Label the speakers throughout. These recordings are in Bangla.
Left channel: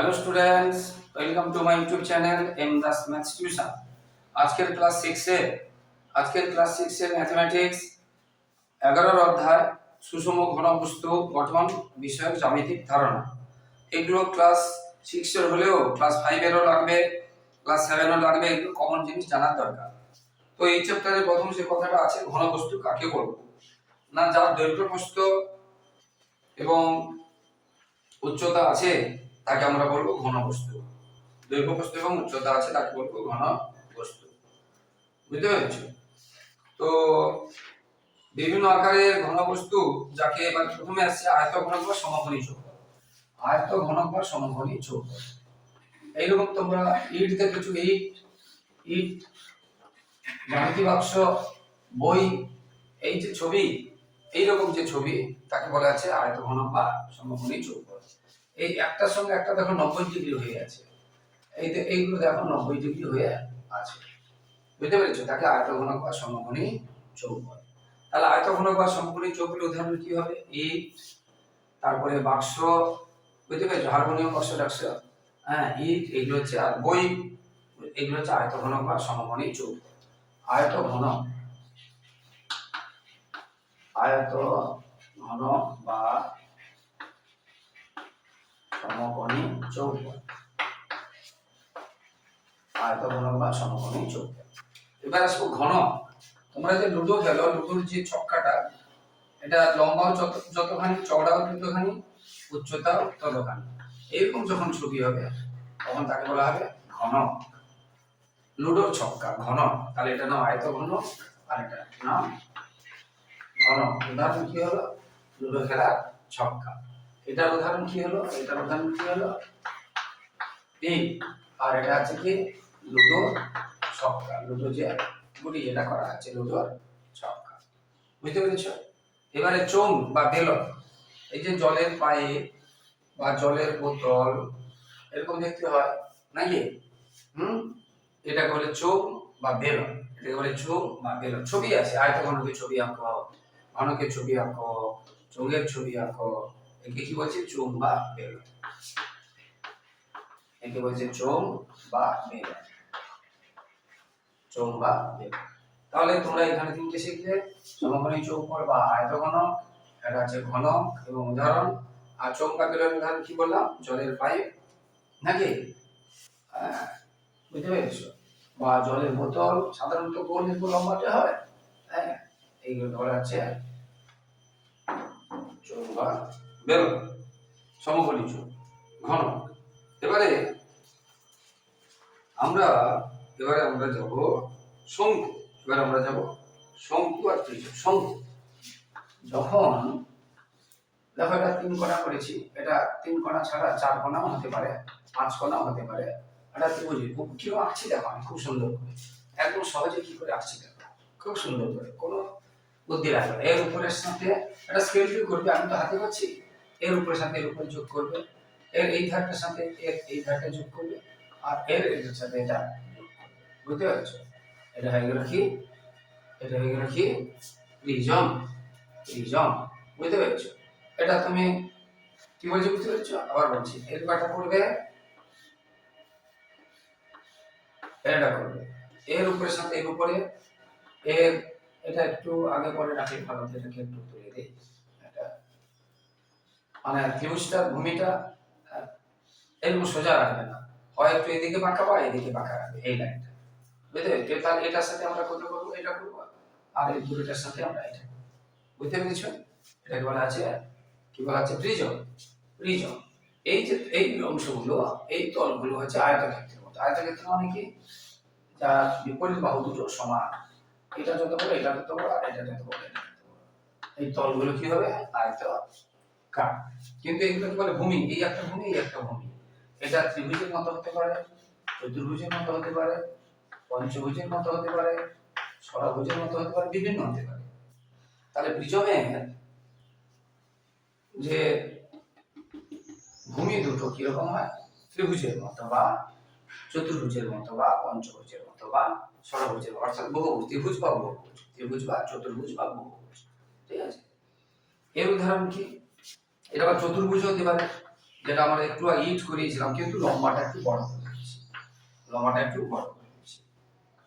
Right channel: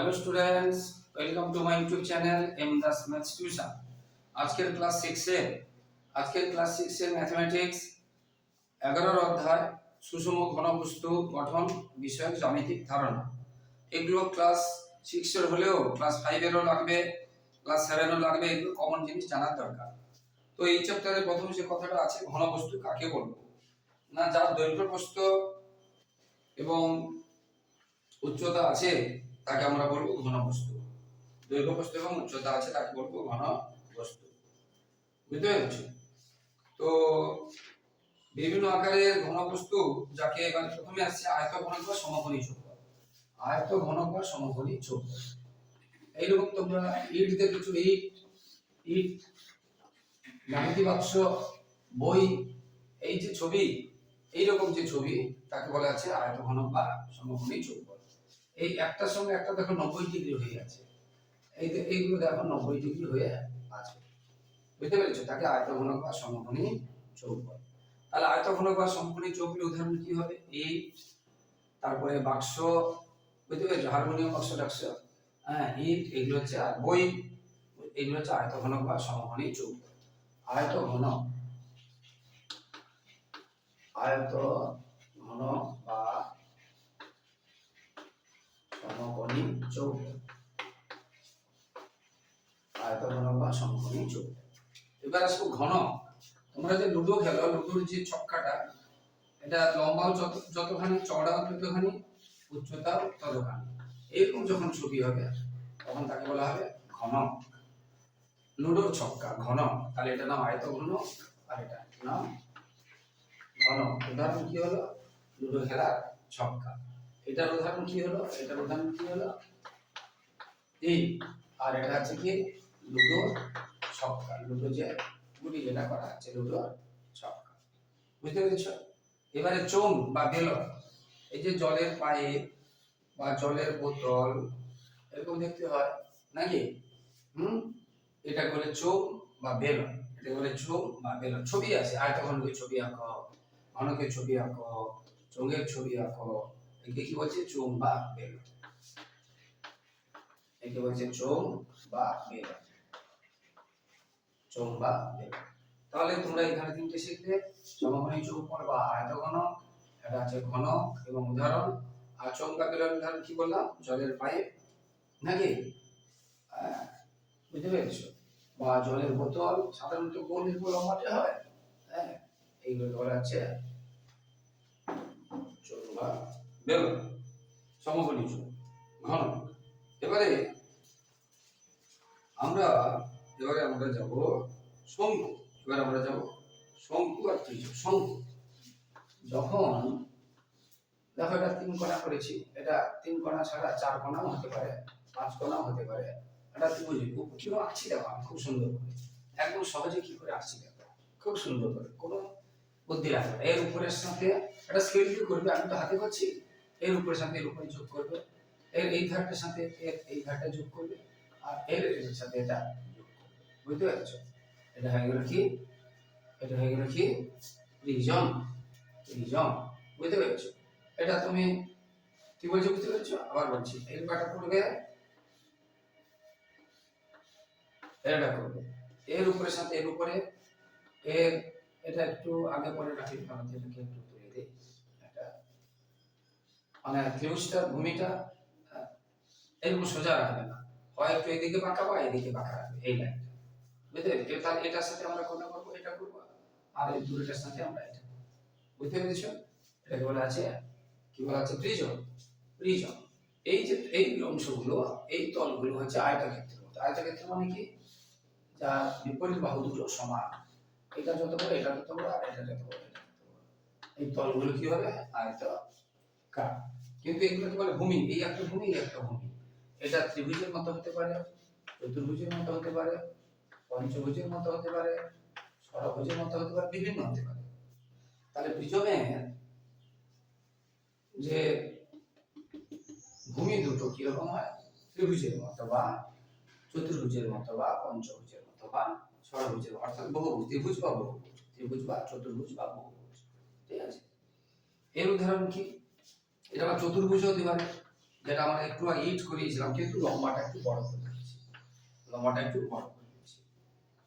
Speaker 1: Hello students welcome to my YouTube channel M Das maths tuition আজকের ক্লাস সিক্সের আজকের ক্লাস সিক্সের ম্যাথমেটিক্স এগারোর অধ্যায়, সুষম ঘনবস্তু গঠন বিষয়ক জ্যামিতিক ধারণা। এগুলো ক্লাস সিক্সের হলেও ক্লাস ফাইভেরও লাগবে ক্লাস সেভেনও লাগবে, এগুলো কমন জিনিস জানার দরকার। তো এই চ্যাপ্টারে প্রথম যে কথাটা আছে ঘনবস্তু কাকে বলব? না, যার দৈর্ঘ্য প্রস্থ এবং উচ্চতা আছে তাকে আমরা বলব ঘন বস্তু। দৈর্ঘ্য বস্তু এবং উচ্চতা আছে তাকে বলব ঘন বস্তু। বুঝতে পেরেছ? তো বিভিন্ন আকারের ঘনবস্তু যাকে এবার প্রথমে আসছে আয়ত ঘনক বা সমকোণী চৌক আয়ত ঘনক বা সমকোণী চৌক এইরকম তোমরা ইট দেখেছ? ইট ইট জ্যামিতি বাক্স, বই, এই যে ছবি, এইরকম যে ছবি, তাকে বলা আছে আয়ত ঘনক বা সমকোণী চৌক এই একটার সঙ্গে একটা দেখো নব্বই ডিগ্রি হয়ে আছে। এই এইগুলো দেখো নব্বই ডিগ্রি হয়ে আছে। বুঝতে পেরেছ? তাকে আয়তঘনক বা সমকোণী চৌক বলে তাহলে আয়তঘনক বা সমকোণী চৌকের উদাহরণ কি হবে? ইট তারপরে বাক্স, বুঝতে পেরেছ? হারমোনিয়াম, বাক্স টাক্স হ্যাঁ ইট এগুলো হচ্ছে আর বই, এগুলো হচ্ছে আয়তঘনক বা সমকোণী চৌক আয়ত ঘনক আয়ত ঘনক বা সমকোণী চৌক আয়তঘনক বা সমকোণী চৌক এবার আসব ঘন। তোমরা যে লুডো খেলো, লুডোর যে ছক্কাটা, এটা লম্বাও যতখানি চওড়াও ততখানি উচ্চতাও ততখানি এরকম যখন ছবি হবে, তখন তাকে বলা হবে ঘন। লুডোর ছক্কা, ঘন। তাহলে এটা নাম আয়ত ঘন, আর এটা নাম ঘন। উদাহরণ কি হলো? লুডো খেলার ছক্কা। এটার উদাহরণ কি হলো? এটার উদাহরণ কি হলো? এই আর এটা আছে কি? লুডো ছক্কা। লুডো যে গুটি যেটা করা আছে, লুডোর ছক্কা। বুঝতে পেরেছ? এবারে চোং বা বেলন। এই যে জলের পাইপ বা জলের বোতল, এরকম দেখতে হয়, নাকি? হুম? এটাকে বলে চোখ বা বেলন। এটাকে বলে চোখ বা বেলন। ছবি আছে। আয়ত ঘনকের ছবি আঁকো ঘনকের ছবি আঁকো চোঙের ছবি আঁকো। একে কি বলছে? চোম বা বেলন একে বলছে চোম বা বেলন চোম বা বেলন তাহলে তোমরা এখানে তিনটে শিখলে। সমকোণী চৌকর বা আয়তঘনক এটা হচ্ছে ঘনক এবং উদাহরণ। আর চোম বা বেলন উদাহরণ কি বললাম? জলের পাইপ। নাকি? আহ, বুঝতে পেরেছ? বা জলের বোতল সাধারণত গোল এরকম লম্বাটে হয়? হ্যাঁ এইগুলো বলা হচ্ছে চোম বা বেলন সমকোণী চোখ ঘন এবারে আমরা এবারে আমরা যাব শঙ্কু, এবারে আমরা যাব শঙ্কু আর ত্রিভুজ শঙ্কু, যখন দেখো এটা তিন কোণা করেছি, এটা তিন কোণা ছাড়া চার কোণাও হতে পারে, পাঁচ কোণাও হতে পারে। এটা ত্রিভুজ কেউ আঁকছি দেখো আমি, খুব সুন্দর করে। একদম সহজে কি করে আঁকছি দেখো, খুব সুন্দর করে। কোনো বুদ্ধি লাগবে। এর উপরের সাথে এটা স্কেল দিয়ে করবে আমি তো হাতে করছি। এর উপরের সাথে এর উপরে যোগ করবে, এর এই ধারটার সাথে এর এই ধারটা যোগ করবে, আর এর এর সাথে এটা বুঝতে পারছ? এটা হয়ে গেল কি? এটা হয়ে গেল কি? প্রিজম প্রিজম বুঝতে পেরেছ? এটা তুমি কি বলছো বুঝতে পারছ? আবার বলছি, এর কয়টা করবে এটা করবে এর উপরে সাথে এর উপরে, এর এটা একটু আগে পরে রাখলে ভালো এটাকে একটু তুলে দিই। মানে ত্রিভুজটার ভূমিটা এরকম সোজা রাখবে না। হয় একটু এদিকে বাঁকা বা এদিকে বাঁকা রাখবে, এই লাইনটা। বুঝতে পেরেছ তাহলে এটার সাথে আমরা কোনটা করব? এটা করব, আর এই দুটোটার সাথে আমরা এটা। বুঝতে পেরেছ? এটাকে বলা আছে কি বলা আছে প্রিজম প্রিজম এই যে, এই অংশগুলো, এই তলগুলো হচ্ছে আয়তক্ষেত্রের মতো। আয়তক্ষেত্র মানে কি? যার বিপরীত বাহু দুটো সমান। এটা যত বড়, এটা যত বড়, আর এটা যত বড়। এই তলগুলো কি হবে? আয়ত কার? কিন্তু এগুলোকে বলে ভূমি? এই একটা ভূমি, এই একটা ভূমি। এটা ত্রিভুজের মতো হতে পারে, চতুর্ভুজের মতো হতে পারে, পঞ্চভুজের মতো হতে পারে, ষড়ভুজের মতো হতে পারে, বিভিন্ন হতে পারে। তাহলে প্রিজমের যে ভূমি দুটো কীরকম হয়? ত্রিভুজের মতো বা চতুর্ভুজের মতো বা পঞ্চভুজের মতো বা ষড়ভুজের অর্থাৎ বহুভুজ, ত্রিভুজ বা বহুভুজ, ত্রিভুজ বা চতুর্ভুজ বা বহুভুজ। ঠিক আছে? এর উদাহরণ কি? এটা আবার চতুর্ভুজ হতে পারে, যেটা আমরা একটু ইট করিয়েছিলাম, কিন্তু লম্বাটা একটু বড় করে দিয়েছি লম্বাটা একটু বড় করে দিয়েছি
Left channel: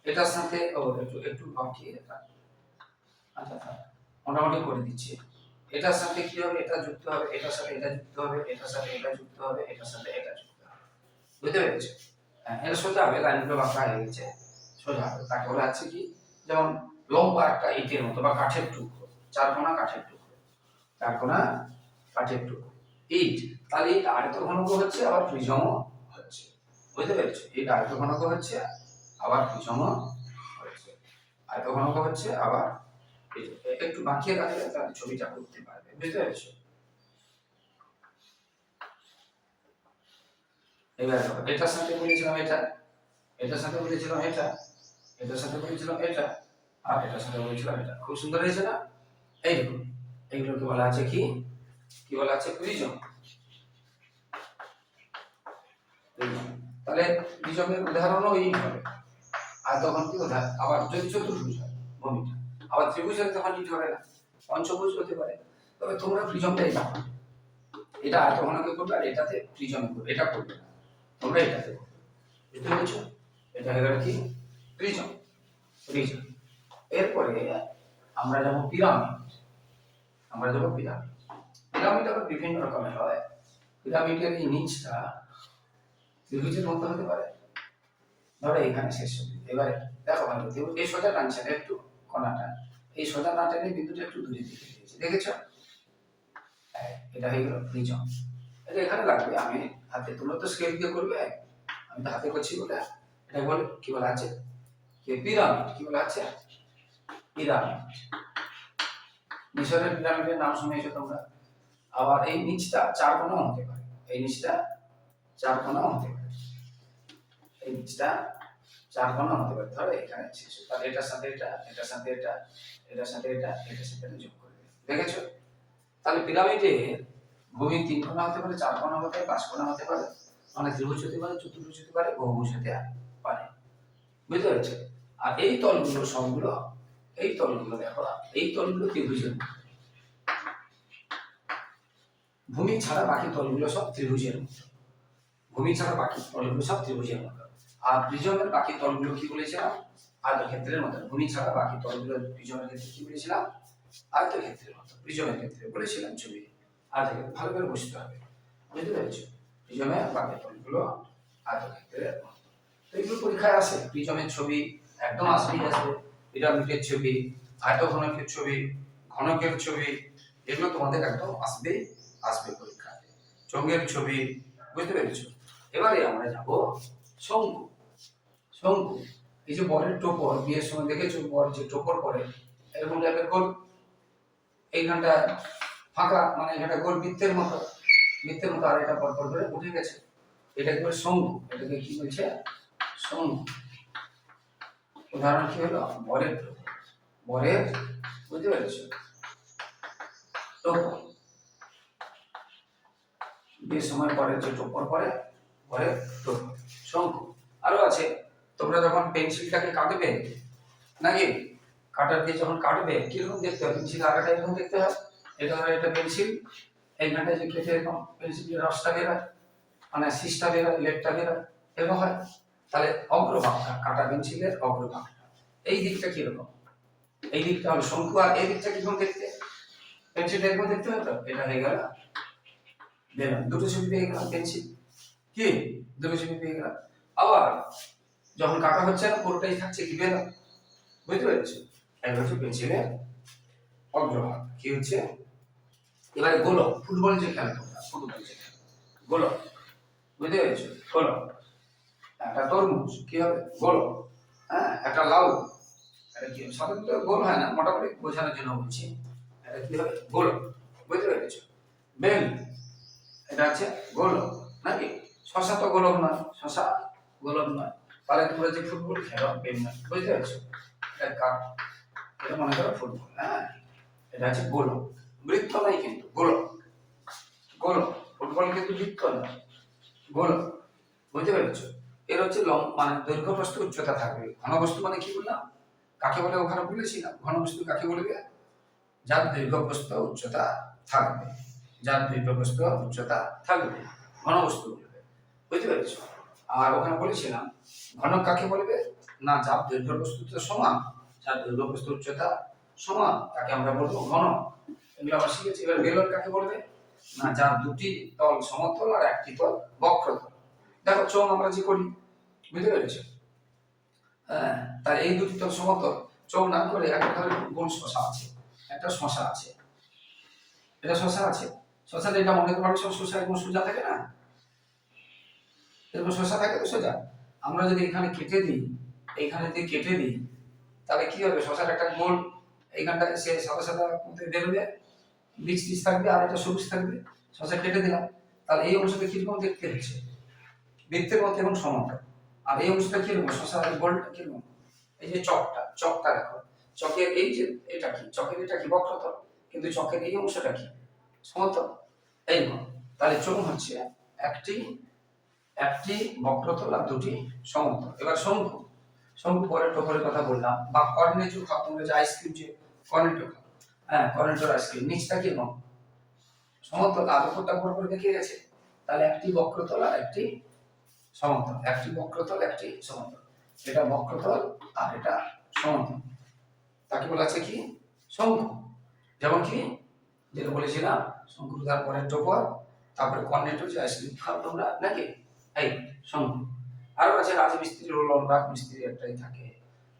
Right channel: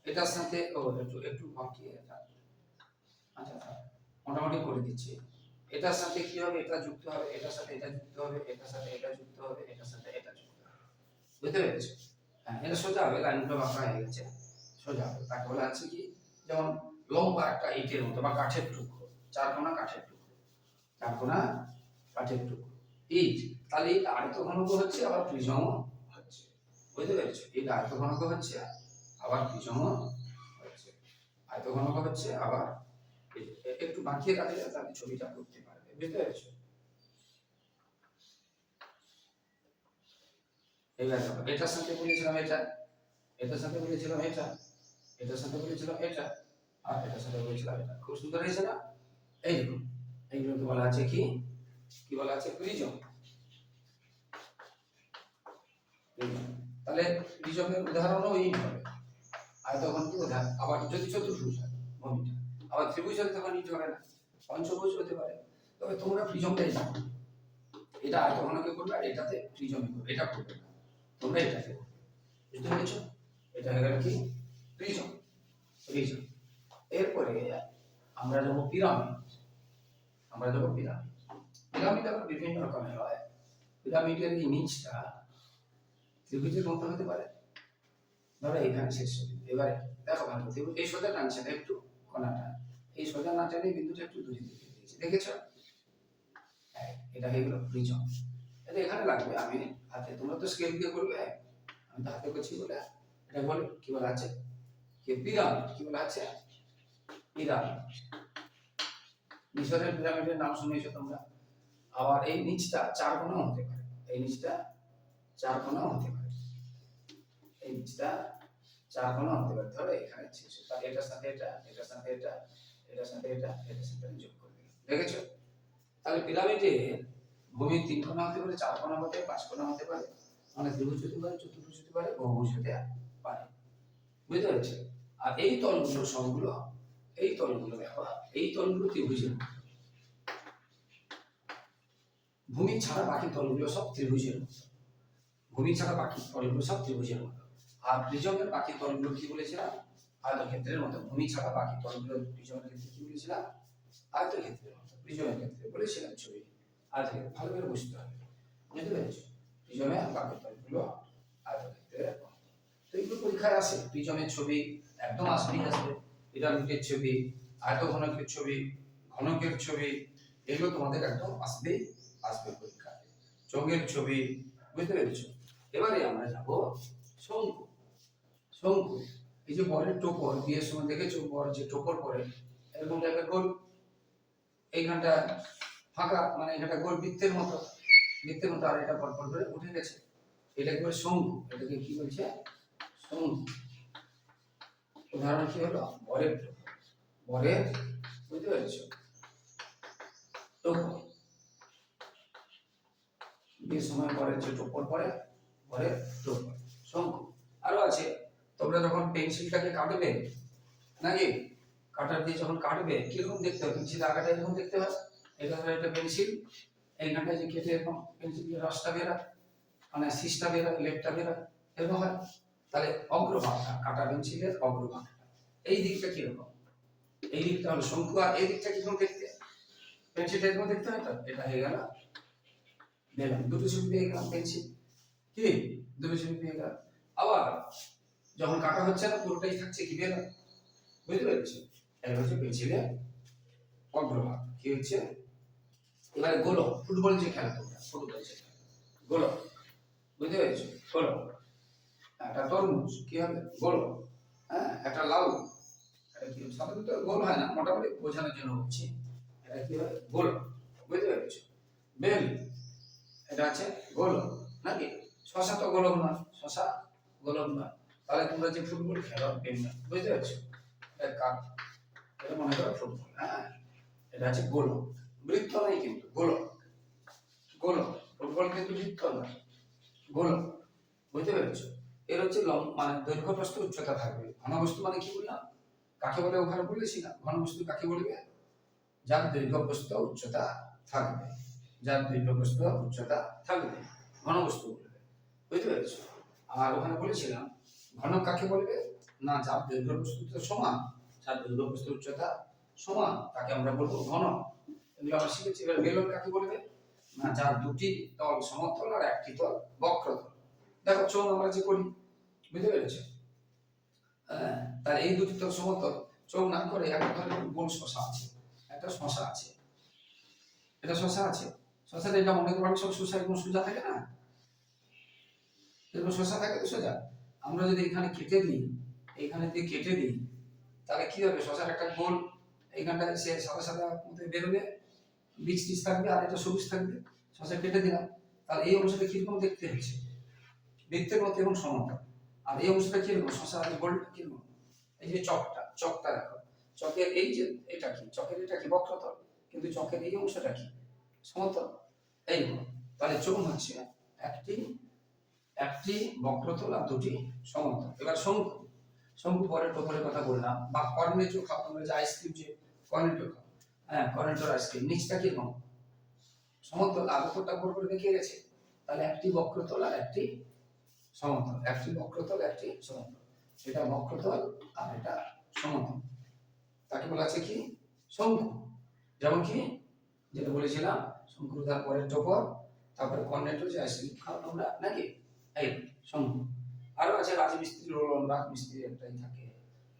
Speaker 1: এটার সাথে একটু একটু বাকি এটা। আচ্ছা মোটামুটি করে দিচ্ছি। এটার সাথে কি হবে? এটা যুক্ত হবে, এটার সাথে এটা যুক্ত হবে, এটার সাথে এটা যুক্ত হবে, এটার সাথে এটা যুক্ত হবে। বুঝতে পেরেছ? হ্যাঁ এটা সোজা হবে লাইনগুলো বাঁকা হয়ে গেছে। সোজা হবে। তাকে বলা আছে কি? যেমন লম্বা একটা ইটের মতো বা কাঠের টুকরো চারকোনা কাঠের টুকরো। চারকোনা কাঠের টুকরো ইট তাহলে ইট আয়ত ঘনক হচ্ছে, আবার প্রিজমও হচ্ছে। বুঝতে পেরেছ? ইট আয়ত ঘনক হচ্ছে, আবার প্রিজমও হচ্ছে। আয়ত ঘনক হচ্ছে, আবার একটু বাঁকিয়ে রাখলে তাহলে ছবিটা করতে পারবে। বুঝতে পেরেছ? এবার এটার সাথে বলেছিলাম এটা, এটার সাথে বলেছিলাম এটা, এটার সাথে বলেছিলাম এটা, আর এটার সাথে বলেছিলাম এটা। খুব সুন্দর হয়েছে না? এই দেখুন এইগুলোকে বলা আছে কি? কি বলা আছে? প্রিজম। তাহলে প্রিজমের উদাহরণও এই হবে। আর তখন কি উদাহরণ আবার যদি চতুর্ভুজ হয়, ভূমিটা। আবার ত্রিভুজ হলে তখন ইট হবে না। পঞ্চভুজ হতে পারে। তবে তোমরা প্রিজমটাই জানো এটা আয়তঘনকে করবে? আর এটাতে প্রিজমে করবে। এটা করবে না। তোমরা এটাতে করবে। বুঝতে পেরেছ? এটা হয়ে গেল কি? প্রিজম। প্রিজম। এরপরে আমরা যাব পিরামিড। আমরা যাব পিরামিড। পিরামিড আবার বিভিন্ন রকমের হয়। পিরামিডের এই ত্রিভুজের মতো হতে পারে। ধরো এখানে শেষ এবারে দেখো ভালো এই সোজা টানছেন একটু কণাটা এই সোজা না টেনে বিন্দুটা একটু দূরে দিকে দিয়েছি। দেখেছ? হ্যাঁ, এটা হয়ে গেল প্রিজম এটা এখানে লাগবে। আমি হাতে তোমরা তো স্কেল দিয়ে করবে। আমি তো হাতে করছি বলে। এটা বলে কি বলা আছে? পিরামিড কি বলা আছে? পিরামিড মিশরের পিরামিডের নাম শুনেছো তোমরা? আবার এই নিচটা চার কোণাও হতে পারে। এই নিচটা চার কোণাও হতে পারে। এই নিচটা চার কোণা হতে পারে। ধরো এখানে শেষ তাহলে এটার সাথে এটা, এটার সাথে এটা, এটার সাথে এটা, এটার সাথে এটা যোগ করে দিলে। দেখেছ? তাহলে পিরামিডে ভূমি তিন কোণা হতে পারে, চার কোণা হতে পারে পাঁচ কোণা হতে পারে মানে ত্রিভুজ হতে পারে, চতুর্ভুজ হতে পারে, বহুভুজ হতে পারে। বুঝতে পারছ? আর এই তলগুলো সবগুলো, এই তলগুলো দেখো, এই তলগুলো ত্রিভুজের মতো। ভূমি ছাড়া বাকি তলগুলো সব ত্রিভুজের মতো। ভূমি ছাড়া বাকি তলগুলো সব ত্রিভুজের মতো। আর প্রিজমের বাকি তলগুলো কি বলেছিলাম? আয়তক্ষেত্রের মতো। ভূমি ছাড়া বাকি তলগুলো প্রিজমের ক্ষেত্রে কি বলেছিলাম? আয়তক্ষেত্রের মতো। প্রিজমের ক্ষেত্রে বলেছিলাম ছবি। আয়তক্ষেত্রে ভালো করে বুঝতে হবে। বুঝতে পেরেছ? প্রিজমের বাকি তলগুলো আয়তক্ষেত্রের মতো। তো এগুলো পরীক্ষায় আসে। প্রিজমের ছবি একদম আসবেই আসবে পিরামিডের ছবি, আয়তঘনকের ছবি, ঘনকের ছবি, এগুলো তোমাদের একদম আসবেই। আসবে পরীক্ষায় চোঙের ছবি, বুঝতে পেরেছ? এবারে আমরা যাব শঙ্কু। শঙ্কু, এই যে বরের টোপর, বিয়ের সময় দেখেছ বর যে টোপর পরে? এরকম টাইপের গোল। এইখানটা ফাঁকা মানে এখানটা গোল বৃত্তের মতো। বৃত্তের মতো আর এটা পর পর করে উঠে গেছে। এটা কি শঙ্কু। এটাকে কি বলছে? শঙ্কু। উদাহরণ কি হলো? বরের টোপর। বরের, বুঝতে পেরেছ টোপর বিয়ের সময় পরে যে টোপর পরে পরে টোপর শঙ্কু আরও আছে। তোমরা যখন পেন্সিলটাকে কাটবে, নাকি কাটার দিয়ে যখন কাটবে, কীরকম দেখতে হয়? পেন্সিল আগাটা এরকম দেখতে হয়? এটা হলো এটা পেন্সিল এইখানটায় যে কেটে এরকম পেন্সিলের রসটা বেরোয় মানে শীষটা বেরোয় লেটটা বেরোয় এরকম হয়? তাহলে অগ্রভাগটা, কাটা পেন্সিলের অগ্রভাগটা, এই দিকটা কীরকম? এই দিকটা হলো শঙ্কু আর এই দিকটা কীরকম দেখতে? পেন্সিলটা এরকম দেখতে হয় তো? এটা হয়ে গেল। বেলুন দুটো ছবি পেয়ে গেলাম পেন্সিল কি? দুটো ছবি পেয়ে গেলাম। আবার যখন কাটা হচ্ছে না, পুরোটাই থাকছে কি বেলুন বুঝতে পেরেছ? এক হচ্ছে পেন্সিলের অগ্রভাগ কি হচ্ছে? এবারে গোলক ফুটবল যে খেলে তোমরা ফুটবল যে খেলে। গোলক। বুঝতে পেরেছ? গোলক একটা তরমুজ, কি হবে? গোলক। হ্যাঁ একটা লাউ। এটা কি? সাধারণত গোল হয় না, মোটামুটি বোঝানোর জন্য বলছি। এটা কি হবে? গোলক। বুঝতে পেরেছ? বেল। এটা আছে গোলক, নাকি? শশা তো গোলক নয়, শশা গোলক নয়। তাহলে তোমরা যে ফুটবল খেলো বেল নয় বুঝতে পারছ? এটা কাপ এটা মনে করো ফুটবল হ্যাঁ? এটা আছে গোলক। বৃত্ত নয় কিন্তু, গোলক। গোলক, ফুটবল কিন্তু বৃত্ত নয়, গোলক। বুঝতে পেরেছ? এর হচ্ছে লং মানে দৈর্ঘ্য প্রস্থ উচ্চতা থাকবে। ঘনবস্তু মানে কি বললাম? কাকে বলে ওখানে বলেছিলাম? ঘনবস্তু কাকে বলবে? যার দৈর্ঘ্য প্রস্থ উচ্চতা থাকবে। যার দৈর্ঘ্য প্রস্থ উচ্চতা থাকবে ঘনবস্তু বলবে বুঝতে পেরেছ? আর ওখানে বলেছিলাম, ঘনক কাকে বলবে? না, যার দৈর্ঘ্য বস্তুতে সমান, যার দৈর্ঘ্য বস্তু উচ্চতা সমান, তাকে আমরা বলব ঘন এগুলো আমরা শিখেছি। এবার বেলর কাকে বলবে? না, যার দুটি তল সমতল আর একটি তল বক্রতল। দেখো চোখ আমরা যে করি, বুঝতে পেরেছ? হ্যাঁ তার এই দুটি তল সমতল চোখ না করে একটা গোল শশা আছে, একটা শশা আছে। এটা শশা আছে? শশাটা এটা মনে করো সব শশা এরকম সোজা থাকে না? এরকম শশা থাকে তো সোজা? আমরা যদি এখানে কেটে দিই, এইখানে যদি কেটে দিই, তাহলে কি হবে? শশার একটা গোল এইখানটায় সে সাদা সাদা বেরোবে, বীজ টিজ থাকবে, আর এটা সবুজ থাকবে। শশা কেটে দিলাম, তাহলে এই অংশটা কীরকম দেখতে হচ্ছে বৃত্তের মতো এবং সমান্তর আর এই অংশটা কীরকম? শশা এই গোলটা কীরকম? এই যে চকটা চকটা দেখো। চকের এই যে এটা কি? চকের এটা কি বক্রতল? কিন্তু চকের এই অংশটা কি? সমান্তর এই তাহলে চোখ হচ্ছে একটি একটি বক্রতল আর দুটি সমান্তর এবার শঙ্কু শঙ্কু পরে টোপরের কথা বললাম, বা কর্নেটো খাও তোমরা যে আইসক্রিম যে কর্নেটো খাও হ্যাঁ কর্নেটোর আইসক্রিম নিচটা কীরকম সমান্তর আর উপরটা বড় করে দেখে গেছে। তাহলে একটি বক্রতল আর একটি সমান্তর একটি বক্রতল, একটি সমান্তর এটা বক্রতল আর এটা সমান্তর তাকে বলা আছে কি? শঙ্কু যেমন কি? যেটা বলেছিলাম, শঙ্কুর তারপরে টোপর তারপরে কর্নেটো যে আইসক্রিম খাও তোমরা, নাকি? এই শঙ্কু আরও আছে রাজমিস্ত্রি রোলন রাজমিস্ত্রি একটাই থাকে।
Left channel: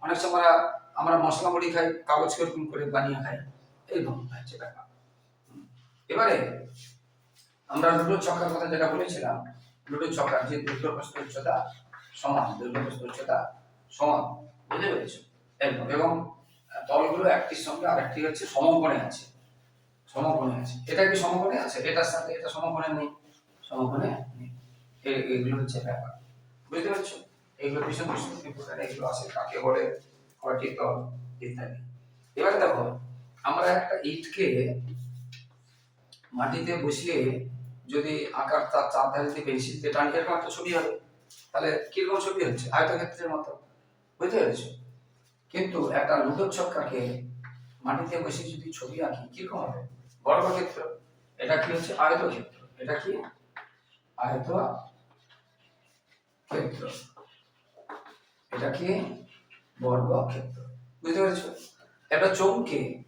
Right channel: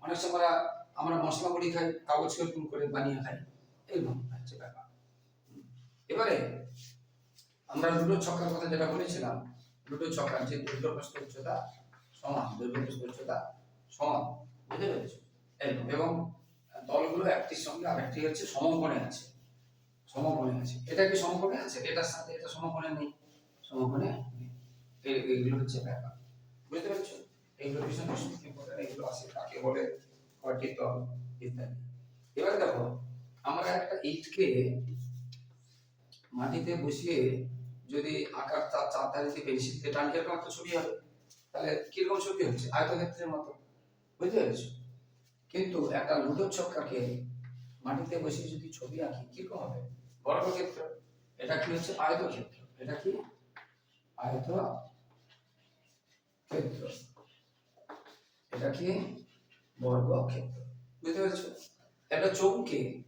Speaker 1: অনেক সময় আমরা মশলা মুড়ি খাই, কাগজ কীরকম করে বানিয়ে খাই এইরকম হচ্ছে ব্যাপার। এবারে আমরা লুডো ছক্কার কথা যেটা বলেছিলাম, লুডো ছক্কার যে দীর্ঘপ্রস্থ উচ্চতা সমান দীর্ঘপ্রস্থ উচ্চতা সমান, বুঝতে পেরেছ? এবং দলগুলো একটির সঙ্গে আরেকটি হচ্ছে সমকোণে আছে। সমকোণে আছে। এটা কি সমকোণে আছে? এটার সাথে এটা সমকোণে নেই। সমকোণে নেই। এগুলো হচ্ছে ব্যাপার। বুঝতে পারছ? এগুলো ভীষণ ভীষণ ইম্পর্টেন্ট এগুলো আছে কাকে বলে কয়টি ইত্যাদি। এবারে দেখো, আমরা একটা ইটকে মাটিতে বসিয়ে যদি আকার তার চার ধারে পেন্সিল দিয়ে টানি এরকম একটা ছবি হবে। তাহলে কীরকম ছবি হচ্ছে? আয়তক্ষেত্রের মতো। বুঝতে পেরেছ? কিন্তু একটা লুডো ছক্কাকে মাটিতে বসে যদি ছবি আঁকি, কীরকম হবে? বর্গক্ষেত্র। এটা কি হচ্ছে? আয়তক্ষেত্র। এটা কি? আয়ত ক্ষেত্র এটা কি? বর্গক্ষেত্র। বুঝতে পেরেছ? একটা চৌকে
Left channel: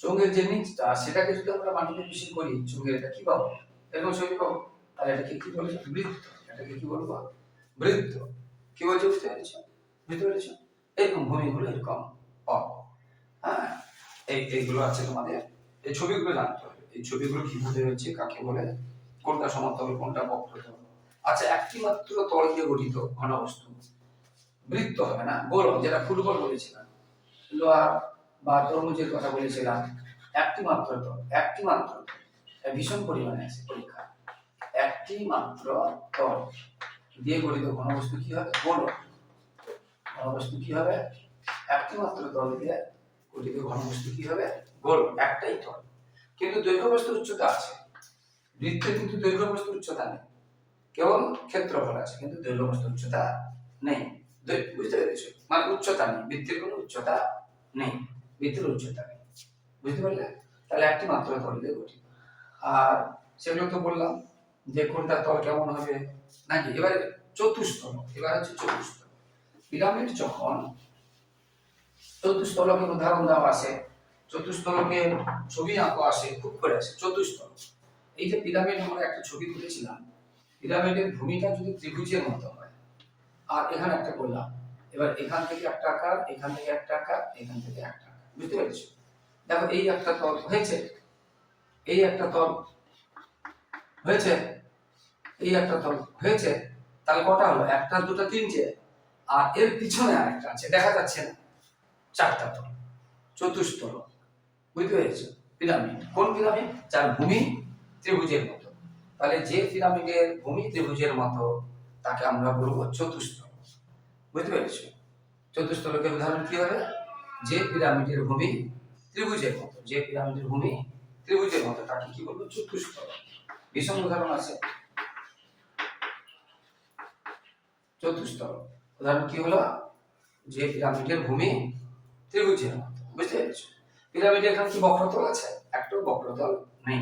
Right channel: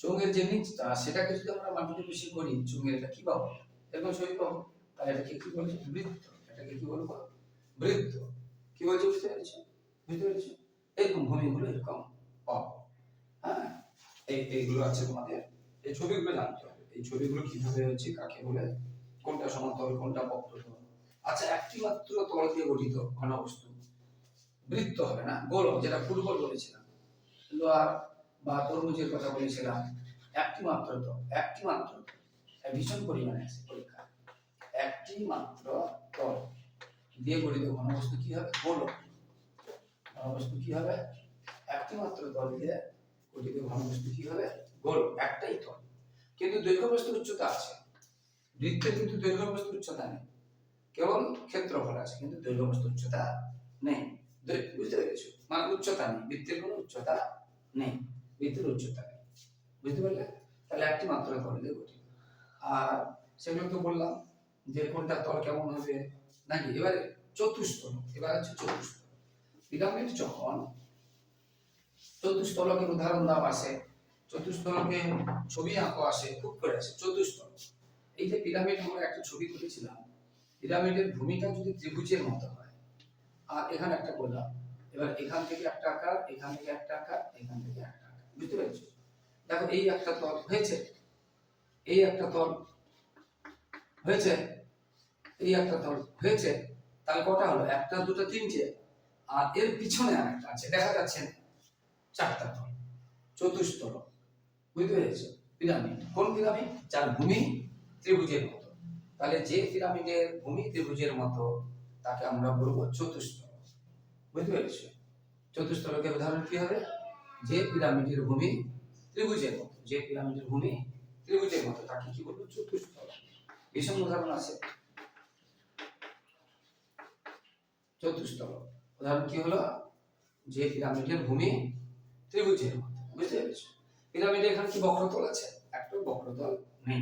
Speaker 1: চৌকের যে নিচটা সেটাকে যদি আমরা মাটিতে বেশি করি চৌকের এটা কি পাবো? এরকম ছবি পাবো। তাহলে এটাকে কি বলেছ বৃত্ত। এটাকে কি বলব? বৃত্ত। কি বলছো? বুঝতে পেরেছ? বুঝতে পেরেছ? এরকম ভূমিগুলো এরকম। পাবো হ্যাঁ এই, এইগুলো আছে তোমাদের। এই ছবিগুলো জানতে হবে। এই ছবিগুলো কীভাবে হচ্ছে, কাকে বলে, কোনটা সমতল, কোনটা বক্রতল? আচ্ছা একটি মাত্র তল দিয়ে গঠিত ঘনবস্তু। বৃত্ত হবে না গোল যেটা ফুটবল বলেছিলাম। লোহার বা তরমুজের কথা বলেছিলাম। একটি মাত্র তল, একটি মাত্র ভীষণ পরিমাণে আছে পরীক্ষা। একটি মাত্র তল দিয়ে গঠিত ঘনবস্তু কি হবে? গোল হবে। ঘনবস্তু কি হবে? একটি মাত্র তল দিয়ে গঠিত ঘনবস্তু কি হবে? গোল, একটাই তল কিন্তু দৈর্ঘ্য বস্তু উচ্চতা আছে। বৃত্তের কিন্তু দৈর্ঘ্য বস্তু উচ্চতা নেই। কেবল ক্ষেত্রফল আছে, কিন্তু দৈর্ঘ্য বস্তু উচ্চতা নেই। বুঝতে পেরেছ? মানে উচ্চতা নেই। বৃত্তের কোনো উচ্চতা নেই। বৃত্তের উচ্চতা নেই। বুঝতে পারলে? তাহলে একটি মাত্র তল দিয়ে গঠিত। আর সেগুলো তো বললাম যে কোনটা তল কেমন হবে। নাকি? এবারে চতুস্তল এবার হচ্ছে চতুস্তল পিরামিড যখন চতুস্তলকের উদাহরণ দেওয়া আছে চতুস্তলকে ছবি আঁকো আসে, খুব করে আসে চতুস্তল এই যে পিরামিড আমরা একটা ছবি তুলেছিলাম, পিরামিডের ভূমিটা যদি ত্রিভুজের মতো হয়, আর এখানে একটা করলাম এবার এখান থেকে একটা আকার, এখান থেকে একটা আকার, এখান থেকে একটা আকার, বুঝতে পেরেছ? দেখো, এই একটা তল হয়েছে, এই একটা তল হয়েছে, এই একটা তল হয়েছে, তাহলে কটা হলো? একটা, দুটো, তিনটে, আর এর পিছনে আর একটা আছে, দেখা যাচ্ছে না, চারটা তল চতুস্তল বুঝতে পেরেছ পিরামিড। কোন পিরামিড? যার ভূমি ত্রিভুজের মতো। তাহলে যে পিরামিডের ভূমি ত্রিভুজের মতো, তাকে আমরা বলব চতুস্তল বুঝতে পেরেছ? চতুস্তলকের উদাহরণ কি হবে? যে পিরামিডের ভূমি ত্রিভুজের মতো, যে পিরামিডের ভূমি ত্রিভুজের মতো, তাকে কি বলব? চতুস্তল ভীষণ উদাহরণ আছে। চতুস্তল উদাহরণ কি হলো? যে পিরামিডের ভূমি ত্রিভুজের মতো। বুঝতে পেরেছ? পিরামিডে এখানে কি বক্রতল আছে? একটাও বক্রতল নেই।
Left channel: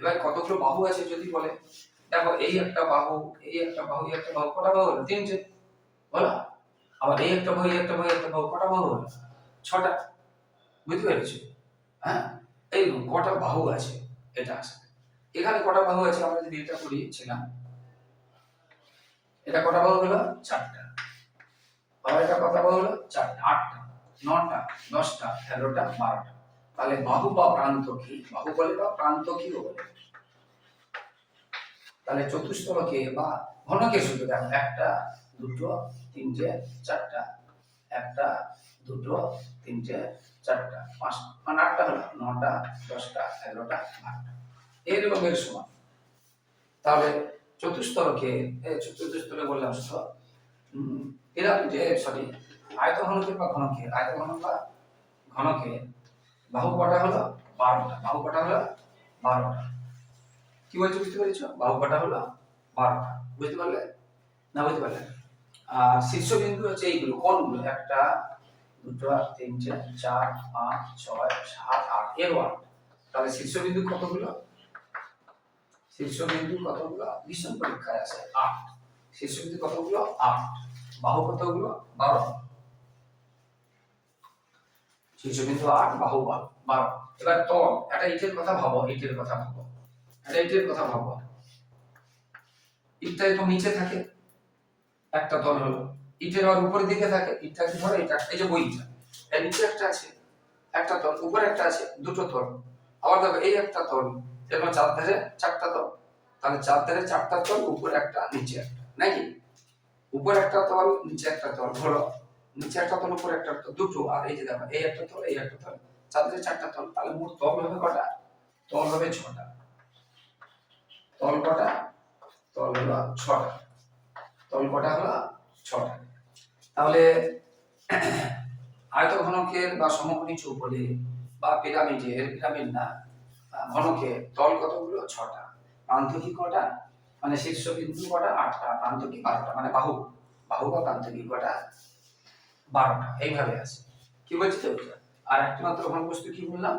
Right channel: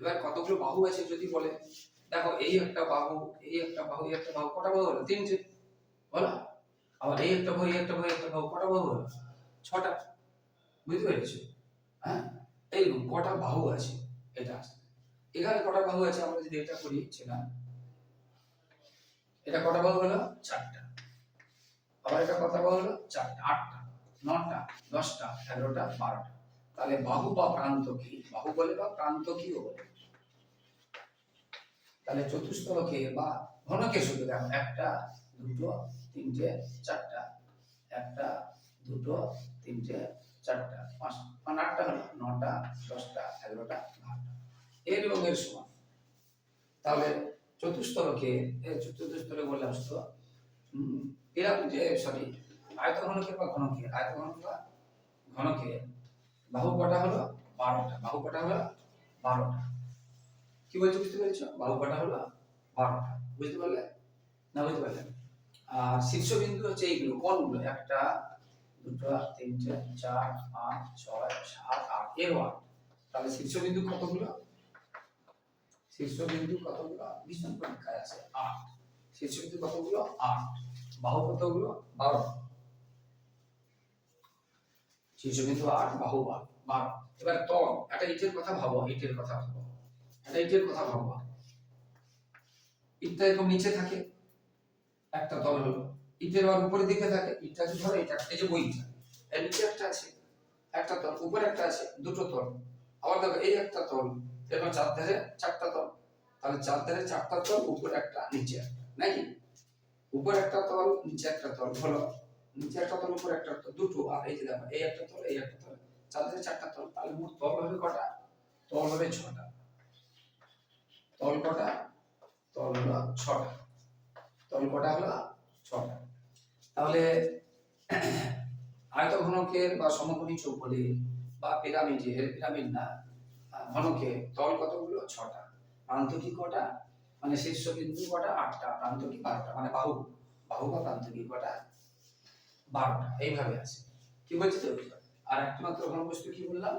Speaker 1: এবার কতগুলো বাহু আছে যদি বলে? দেখো, এই একটা বাহু, এই একটা বাহু, এই একটা বাহু, কটা বাহু হলো? তিনটে। বলো। আবার এই একটা বাহু, এই একটা বাহু একটা বাহু, কটা বাহু হলো? ছটা। বুঝতে পেরেছ? হ্যাঁ? এই কটা বাহু আছে, এটা আসবে এখানে কটা বাহু আছে? আমরা যদি এটা করি, ছিলাম। এটা কটা বাহু হলো? চারটা। আবার এটা কটা বাহু হলো? চারটা। আটটা। নটা। দশটা। এগারোটা। বারোটা। তাহলে বাহু বা প্রান্ত কি? বাহু বলে বা প্রান্ত কি বলে তাহলে চতুস্তলকে বা ঘনকে শুধু দেখো, একটা, দুটো, তিনটে, চারটা। একটা, দুটো, তিনটে, চারটা, পাঁচ মানে আটটা হলো, নটা, দশটা, এগারোটা, বারোটা। এর এবং এর সমান। তাহলে চতুস্তলকে এই চতুস্তলে বললাম তো যে সরি আয়ত ঘনকে বা ঘনকে? আয়ত ঘন বা ঘনকে বাহু কটা হলো বারোটা বাহু কটা হলো বারোটা। কি বলছো, বুঝতে পেরেছ? বাহু কটা হলো বারোটা। বুঝতে পারলে? না, বুঝতে পারলে আর শীর্ষবিন্দু হচ্ছে এইগুলো, কোনগুলো? একটা, দুটো তিনটে চার চার, পাঁচ, ছয়, সাত, আট এরও আট তাহলে শীর্ষবিন্দু কতগুলো? শীর্ষবিন্দু কতগুলো? ভীষণ পরীক্ষায় আছে, আট। শীর্ষবিন্দু কতগুলো? আট। বাহু কতগুলো? বারো। শীর্ষবিন্দু আট বাহু বারো বারো এবার তল, একটা ইটের কথা ভাবো, ইটের কথা ভাবো, একটা ইটের কথা ভাবো। ইটটা তো নিচে থাকে, একটা তল হলো। ইটের আবার উপরের দিকে থাকে, ইটটা কি ধরো, এটা এই যে বইটা এর নিচে একটা আছে, একটা তল, উপরে একটা আছে, দুটো তল। আবার দেখো, এই একটা তল এরকম চার ধারে চারটা তল, তাহলে চার ধারে চারটা তল, উপরে একটা, নিচে একটা, নাকি? উপরে একটা তল, নিচে একটা তল, হলো নিচে একটা তল উপরে একটা দুটো। আর এই যে দেখো এই একটা তল এই একটা তল। চার ধারে চারটা তল। তাহলে মোট তল হবে কটা? তল হবে ছটা। তল কটা? তল হলো ছটা। তল কটা হলো ছটা। তাহলে আয়তঘনকের বা সমকোণী চৌপলি বা পিরামিডের পিরামিড না আহ, ঘনকের তল কতগুলো? ছটা। প্রান্ত কি কটা? মানে শীর্ষবিন্দু কটা? আটটা। প্রান্ত কি বারোটা। মানে বাহু। বাহু বা প্রান্ত কি কটা? বারোটা, এইভাবে আছে। কি বলছি তো আর একটি মাত্র ঘনবস্তু কি বললাম?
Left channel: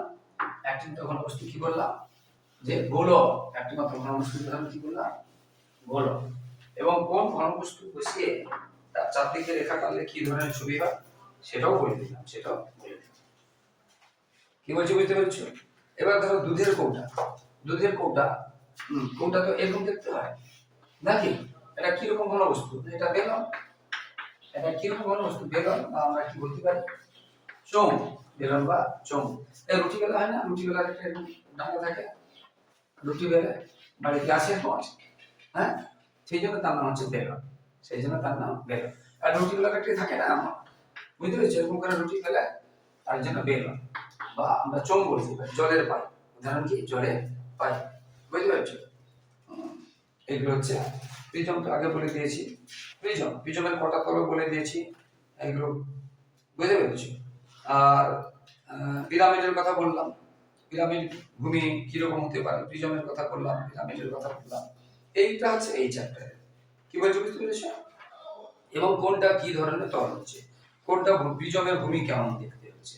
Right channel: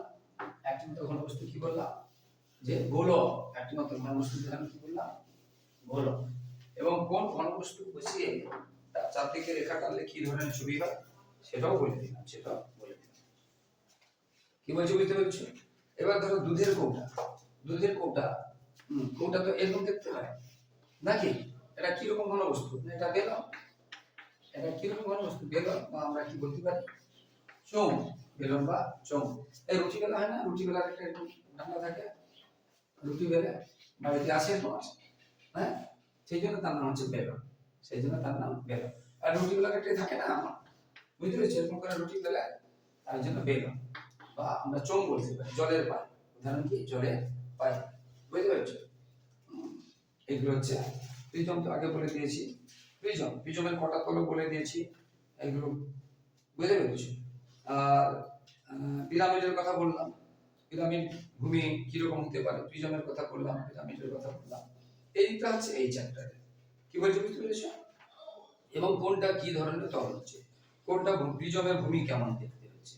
Speaker 1: একটি মাত্র ঘনবস্তু কি বললাম? যে গোলক। একটি মাত্র ঘনবস্তু উদাহরণ কি বললাম? গোলক। এবং কোন ঘনবস্তু বসিয়ে তার চারদিকে রেখা টানলে কি ধরনের ছবি হয়? সেটাও বলে দিলাম, সেটাও বলে দিলাম। কি বলছি বুঝতে পারছ? এবার ধরো দুধের কৌটা। দুধের কৌটা কৌটা তো এরকম দেখতে হয়? নাকি? এটা কীরকম ঘনবস্তু? এটা বেলন? এটা কীরকম ঘনবস্তু বেলন বা আমরা কি বলতে পারি? চোং বেলন বা চোং এই রুটি বেলা হয় না? রুটি বেলার একটা ডাঙ্গা থাকে। রুটি বেলা মানে গ্লাসের মত হ্যাঁ? সেই জন্য তার নাম হচ্ছে বেলন। সেই জন্য তার নাম বেলন। আর রুটি বেলা একটা থাকে না আমার? বুঝতে পেরেছি? এরকম করে রুটি বেলায় তার জন্য বেলন। বা আমরা চোং বলতে পারি, জলের পাই উদাহরণ কি? জলের পাই বুঝতে পারছ? এগুলো হচ্ছে প্রিজম তো আগে বলে দিয়েছি। প্রিজম প্রিজমের কটা তল বলে দিয়েছি। এগুলো বুঝতে পেরেছি? আর পিরামিডের কথা বললাম। পিরামিড ভূমি কীরকম হতে পারে? প্রিজমের কথা বললাম, পিরামিডের কথা বললাম। এইটা হচ্ছে এই চ্যাপ্টারে কি বলছি বুঝতে পেরেছ? এবং কোনটা কি ধরনের তল হচ্ছে? কোনটা প্রিজমের ভূমি কেমন দেখতে হচ্ছে?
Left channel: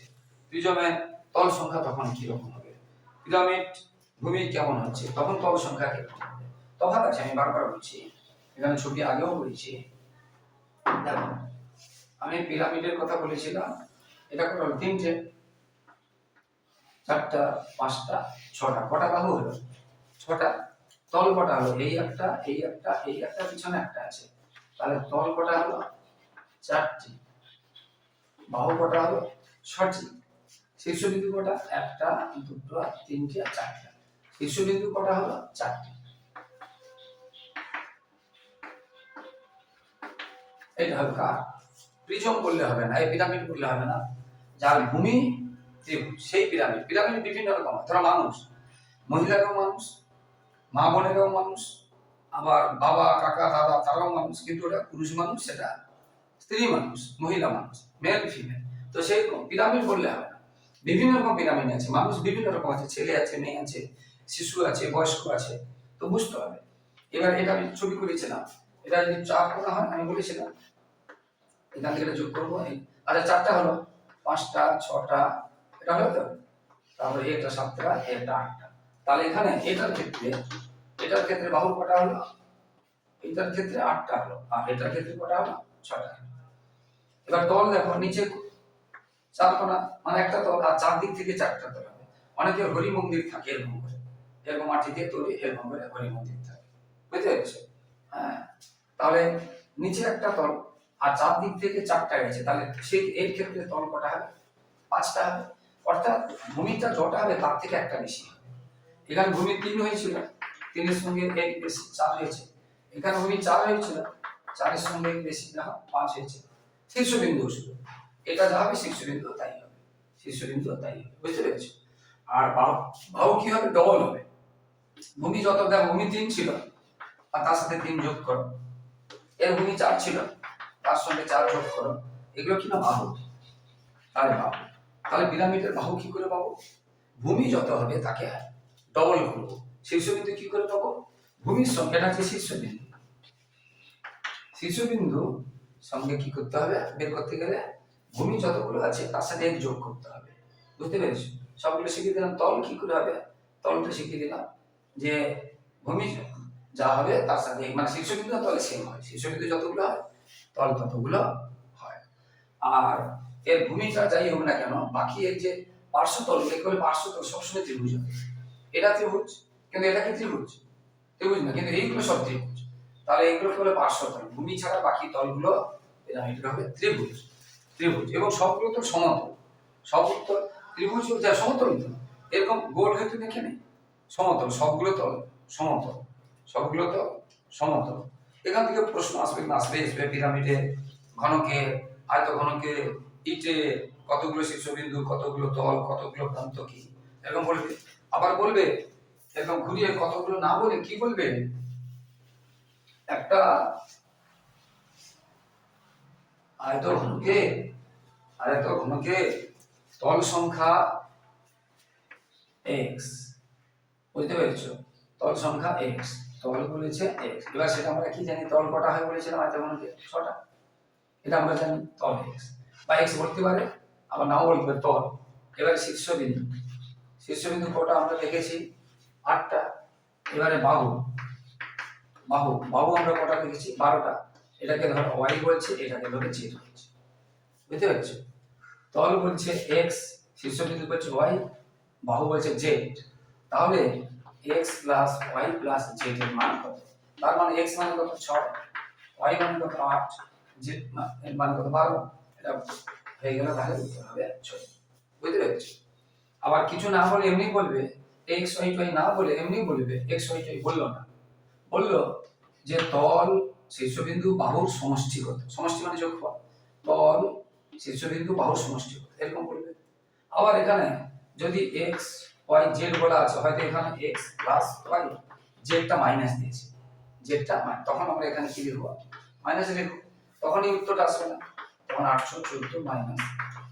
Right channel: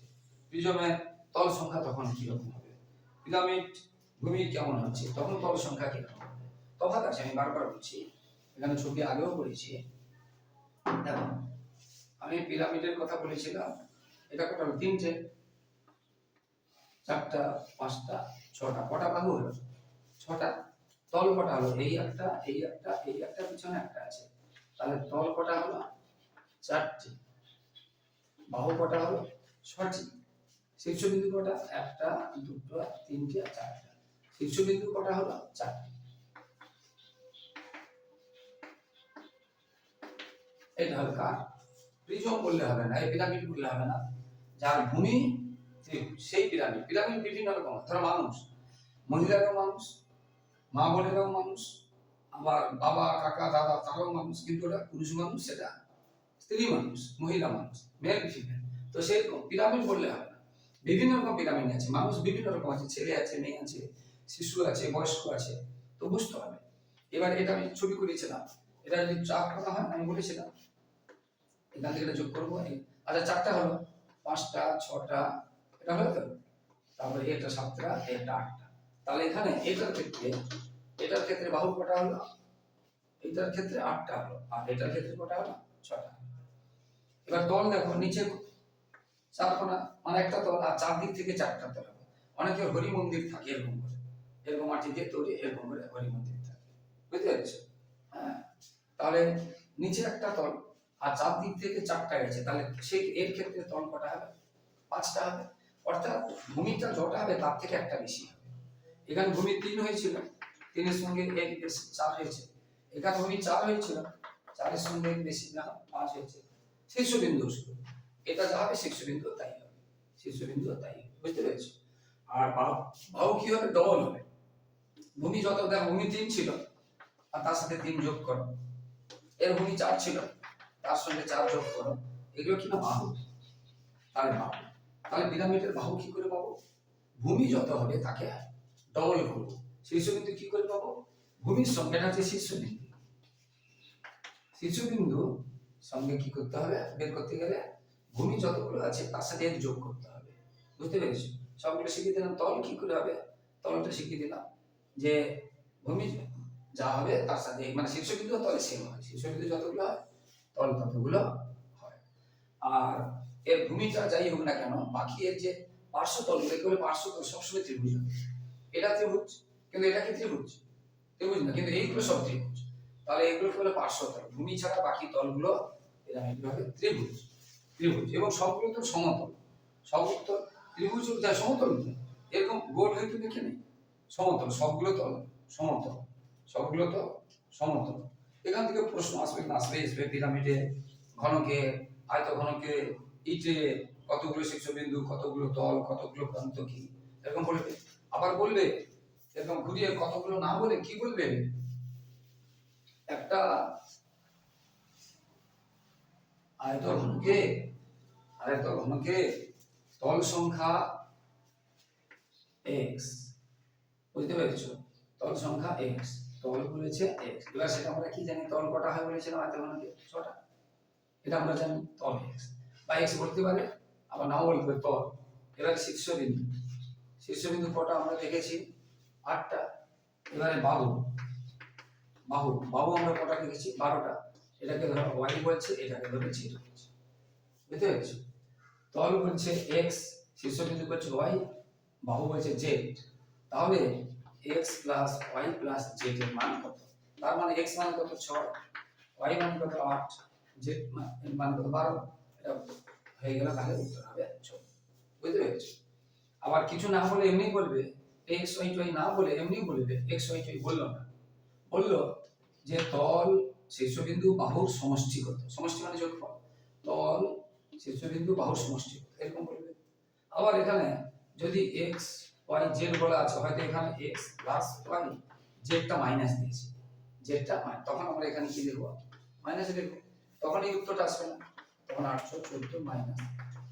Speaker 1: প্রিজমের তল সংখ্যা তখন কীরকম হবে? পিরামিড ভূমি কেমন হচ্ছে? তখন তল সংখ্যা কীরকম হবে? তফাৎ আছে, আমি বারবার বলছি। এখানে ছবি আগেও বলেছি দেখো, আমি পিরামিডের কথা বলেছিলাম। এটা কত? তিনটে। চারটা, পাঁচটা, ছটা। কটা বাহু হলো? ছটা। তল কটা হলো? এই একটা এই একটা এই একটা, পিছনে একটা আছে। তাহলে তল কটা হলো? চারটি। বাহু কটা হলো? ছটি। শীর্ষবিন্দু কটা? একটা, দুটো, তিনটে, আর চারটা। শীর্ষবিন্দু কটা হলো? চারটি। এটা কার প্রিজম বললে হবে না, এই পিরামিড বললে হবে না। যার ভূমি ত্রিভুজ সেই পিরামিড পিরামিড বিভিন্ন রকম। ধরো মানুষ মহিলারাও মানুষ, মা বোনেরাও মানুষ, আবার বাবা, কাকা, দাদা, তারাও মানুষ, কিন্তু ওটা পুরুষ মানুষ, সেটা স্ত্রী মানুষ, মহিলা মানুষ মেল ফিমেল তো সেই পিরামিড বললে হবে বিভিন্ন রকম পিরামিড আছে, মানুষ বিভিন্ন রকম আছে, ছেলে আছে, মেয়ে আছে, শিশু আছে, বয়স্ক আছে, তো বুঝতে হবে। এবার এটা আমি ছবি করেছিলাম। এটা যদি চার করা হয়, আমি বলেছিলাম এখান থেকে যোগ করব আচ্ছা চারটা হলো। পাঁচটা, ছটা, এটা হলো তো? তারপরে এটা সাতটা এটা আটটা। তাহলে এখানে এটার ক্ষেত্রে এটার ক্ষেত্রে বাহু কটা হলো? এটার ক্ষেত্রে আটটা হলো, আর এটার ক্ষেত্রে কটা হলো? ছটা এবার তল দেখো, নিচে চার কোনা মানে একটা তল, আর চারদিক থেকে চারটা তল হবে। অনেকের হরি মন্দির থাকে, এরকম করে। এরকম মাটি দিয়ে তৈরি, এরকম করে হরি মন্দির থাকে। বুঝতে পেরেছ? হ্যাঁ। তাহলে নিচে একটা তল আর চারদিক থেকে চারটা গেছে, তাহলে সেই এর ক্ষেত্রে তল কটা হবে? পাঁচটা হবে। অর্থাৎ ভূমিটা যটা হবে, তার থেকে একটা বেশি হবে। এখানে ভূমি তিন হয়েছিল, তিনের সঙ্গে এক বেশি, চার হয়েছে। এখানে ভূমি চার হয়েছিল, চারের সঙ্গে এক বেশি, দেখো, পাঁচ হয়েছে। শীর্ষবিন্দু শুধু এটা যা হবে শীর্ষবিন্দু তাই হবে। শীর্ষবিন্দু তাই হবে, বুঝতে পেরেছ? আর বাহু বাহু কি হবে? ডবল হবে। ভূমি যত, দেখো, ভূমি তিন ছিল, আর তার সাথে তিন যোগ করো। এর ভূমি চার ছিল। তার সঙ্গে চার যোগ করো, এগুলো কি না বাহু? তাহলে বাহু। তাহলে পিরামিডের বাহু কি করে পাবো? ভূমি যত হবে তাকে ডবল করব। শীর্ষবিন্দু কি করে পাবো? ভূমির সঙ্গে এটা হচ্ছে শীর্ষবিন্দু। শীর্ষবিন্দু সঙ্গে কি করতে হবে? বের করতে গেলে ভূমি যতগুলো আছে তার সাথে যোগ করতে হবে। বুঝতে পেরেছ? সবগুলো শিখিয়ে দিলাম। তল কি করে হবে? তলটা শিখিয়ে দিলাম যে ভূমি যা হবে তার সাথে মানে শীর্ষবিন্দু তলে সেম হয়। শীর্ষবিন্দু যতগুলো হয় তল ততগুলো হয়। আর এর ভূমিটা যাই হোক না কেন, বাকি এর যে পার্শ্বতল এগুলো পার্শ্বতল সবসময় ত্রিভুজ হবে। এটা ত্রিভুজ, কিন্তু এটা কি ত্রিভুজ? ত্রিভুজ না, কিন্তু এইগুলো সব ত্রিভুজ। তাহলে এগুলো হলো পার্শ্বতল। ভূমি ছাড়া বাকি তলগুলো পিরামিড হবে ত্রিভুজ। ত্রিভুজ এবং সবগুলো তো সমতল। সবগুলো তো ত্রিভুজ যা সমতল তো। এরকম গোল হয়তো দেখে নেই সমতল, সবগুলো তো সমতল। সবগুলো তো সমতল। এখান থেকে প্রশ্ন আসবে না, আসবে আসবে পিরামিডে ঘনকে আয়ত ঘনকে ইটে, কতগুলো শীর্ষবিন্দু, কতগুলো তল, কতগুলো প্রান্ত কি? এরকম বলবে। আবার বলবে, এরকম ঘুরিয়ে কতগুলো না বলে কি বলবে? একটা আয়ত ঘনকে আয়ত ঘনকে তল সংখ্যা এক্স বুঝতে পেরেছ? তল সংখ্যা এক্স তল বলেছে এক্স এবার সেটা আমরা কি জানি, তল কটা হয় বলেছিলাম আয়ত ঘনকে ছটা। এটা আমরা জানি তল এক্স বা এক্স বলতে পারে, আবার নাও বলতে পারে তল। এবারে শীর্ষবিন্দু। শীর্ষবিন্দু কটা আমরা দেখেছি? আটটা। এবারে বাহু। বাহু। বাহু আমরা কটা দেখেছি? বারোটা। এটাকে ধরো ওয়াই বলছে, এটাকে ধরে জেড বলছে। বুঝতে পারছ? তল বলছে এক্স শীর্ষবিন্দু বলছে ওয়াই বাহু বলছে জেড তাহলে X plus Y plus Z এর মান কত? তার মানে এক্স মানে কত? ছয়। ওয়াই মান কত? আট। জেড এর মান কত? বারো। এটা হয়ে গেল তাহলে উত্তর হবে ছয়। বুঝতে পেরেছ? আবার কিছু না বলে এমনি বলবে এক্স ওয়াই ওয়াই না বলে এমনি বলবে এক্স ওয়াই ওয়াই বলল না। বলল যে তল শীর্ষবিন্দু বাহুর সমষ্টি কত সমষ্টি মানে যোগফল। তল শীর্ষবিন্দু বাহুর সমষ্টি কত এরকম বলবে। আবার এখানে যদি এক্স ওয়াই জেড বলা আছে, হয়তো এখানে এক্স প্লাস ওয়াই জেডটা মাইনাস দিয়েছে জেডটা তখন আমরা এখানে কি লিখব? মাইনাস লিখব। তখন এই উত্তরটা আসবে না। তখন আটশো চোদ্দ মাইনাস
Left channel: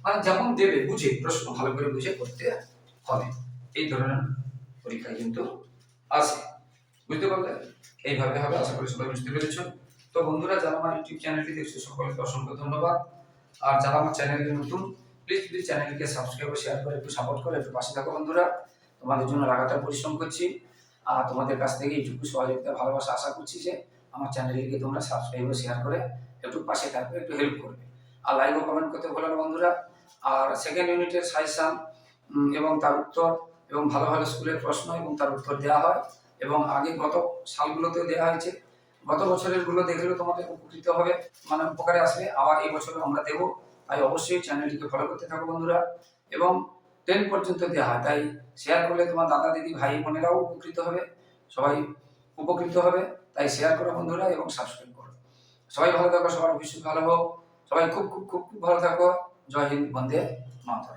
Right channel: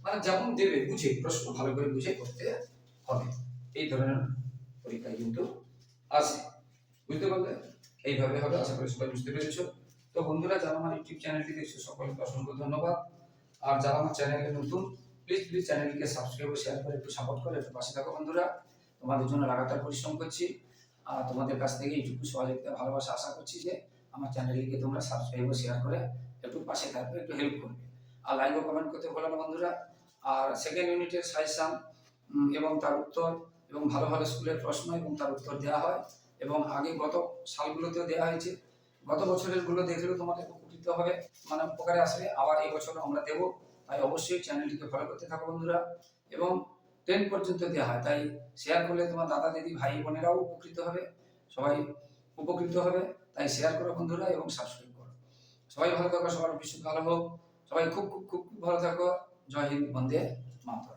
Speaker 1: মানে যেমন দেবে, বুঝে, প্রশ্ন ভালো করে বুঝে করতে হবে। এই ধরনের পরীক্ষা কিন্তু আসে বুঝতে পারলে? এইভাবে হবে, আশা করি সবাই বুঝতে পেরেছ। তো বন্ধুরা, যারা আমার ইউটিউব চ্যানেলটি দেখছ, সকলকে অসংখ্য ধন্যবাদ। আর যারা আমার চ্যানেলে নতুন প্লিজ প্লিজ চ্যানেলটিকে সাবস্ক্রাইব ও শেয়ার করে একটু সাপোর্ট করে একটু পাশে থাকো বন্ধুরা। তোমাদের জন্য লাগাতার পরিশ্রম করছি। আর তোমাদের কাছ থেকে এইটুকু সহযোগিতা, ভালোবাসা আশা করছি যে আমার চ্যানেলটিকে তোমরা সাবস্ক্রাইব ও শেয়ার করে একটু পাশে থাকবে, একটু হেল্প করবে। আর লাইক ও কমেন্ট করতে ভুলো বন্ধুরা। আর সেকেন্ড ইউনিটের সাজেশন এবং তার উত্তর, এবং ভালো ভালো স্কুলের প্রশ্ন এবং তার উত্তর দেওয়া হয়। এবং আগে গত সালগুলোতেও দেওয়া হয়েছে। গত বছরেরগুলো দেখলেও তোমাদের উপকৃত হবে। মানে উপকারে আসবে। আবার এই বছরও আমরা দেবো। তাই অবশ্যই চ্যানেলটিকে ফলো করতে থাকো বন্ধুরা। এবং টেন পর্যন্ত দেওয়া হয়, তাই শেয়ার করলে তোমার দাদা, দিদি, ভাই, বোনেরাও উপকৃত হবে, সবাই উপকৃত হবে। তাই শেয়ার করো বন্ধুরা এবং সাবস্ক্রাইব করো। সবাই ভালো থাকো, সবার ভবিষ্যৎ ভালো হোক। সবাই খুব খুব খুব খুব ভালো থাকো। জয় হিন্দ, বন্দে মাতরম।